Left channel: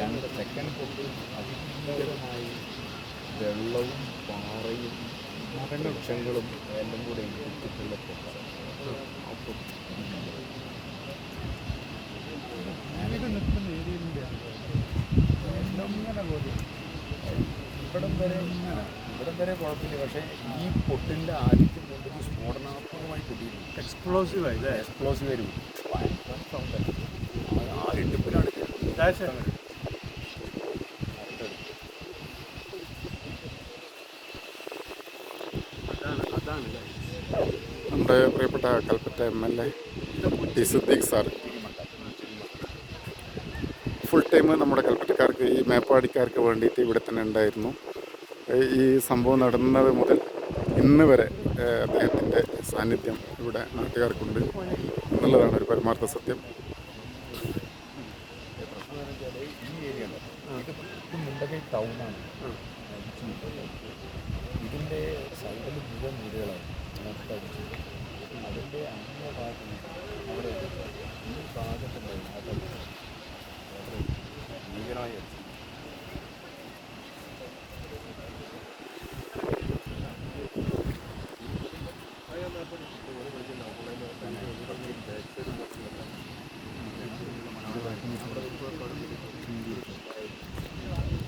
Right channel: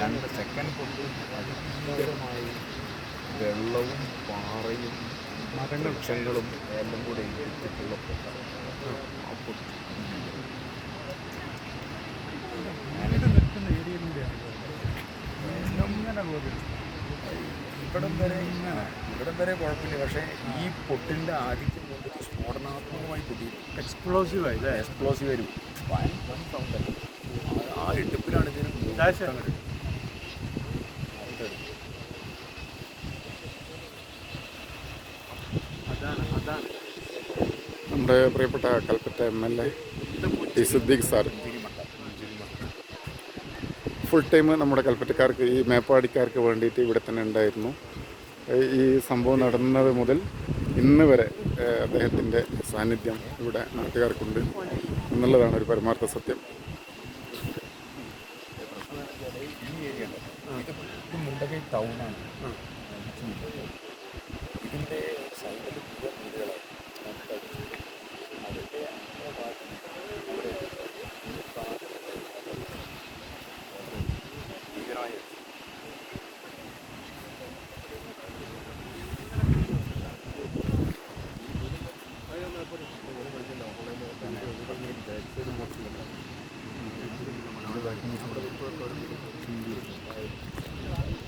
രണ്ട് സെക്കൻഡ് പൊട്ട് അതിഭീകരമായി വെള്ളവും പാറയും വൃക്ഷങ്ങളും എല്ലാം കൂടെ ഇട്ടിട്ടുള്ള പൊട്ട. ആ പൊട്ട്. വീട് നിൽക്കുന്ന ഏരിയയിലൂടെയാണ് പോയത്. ഇങ്ങനെ ഇവിടം വരെ ഇവിടം വരെ കുഴപ്പമില്ല. പക്ഷേ ഈ പൊട്ടിന്റെ ആധിക്യം കൊണ്ടിട്ട് സ്ഫോടനാത്മകമായി പൊട്ടിയിട്ടുണ്ട്. എക്സ്പ്ലോസീവ് ആയി എക്സ്പ്ലോസീവ് വരും വൻ സൗണ്ട് നമ്മുടെ പ്രിയപ്പെട്ട Kalpetta M L A T Siddique sir. Full time നമ്മുടെ കൽപ്പറ്റക്കാർക്ക് ഈ മേപ്പാടിക്കാർക്ക് വേണ്ടിയിട്ട് ഇവിടെ തന്നെ ഉണ്ടായിരുന്നു. ഈ സംഭവം നടന്നത് മുതൽ ഇന്ന് വരെ അദ്ദേഹത്തിന്റെ സാന്നിധ്യം ഇവിടെ നാട്ടുകാർക്കുണ്ട് എന്നുള്ളതാണ് ഒരു പരമാർത്ഥ സത്യം. ഇത് ഇത് മുണ്ടകൈ ടൗണാണ് ഇതിന്റെ സൈഡിൽ മുഴുവൻ വീടുകളാണ്. മൊത്തം അതിന്റെ അങ്ങേ ഭാഗത്ത് അവിടെ ഈ ഭാഗത്തുണ്ടായി അതല്ല വളരെ ഭീകരമായ ഇത്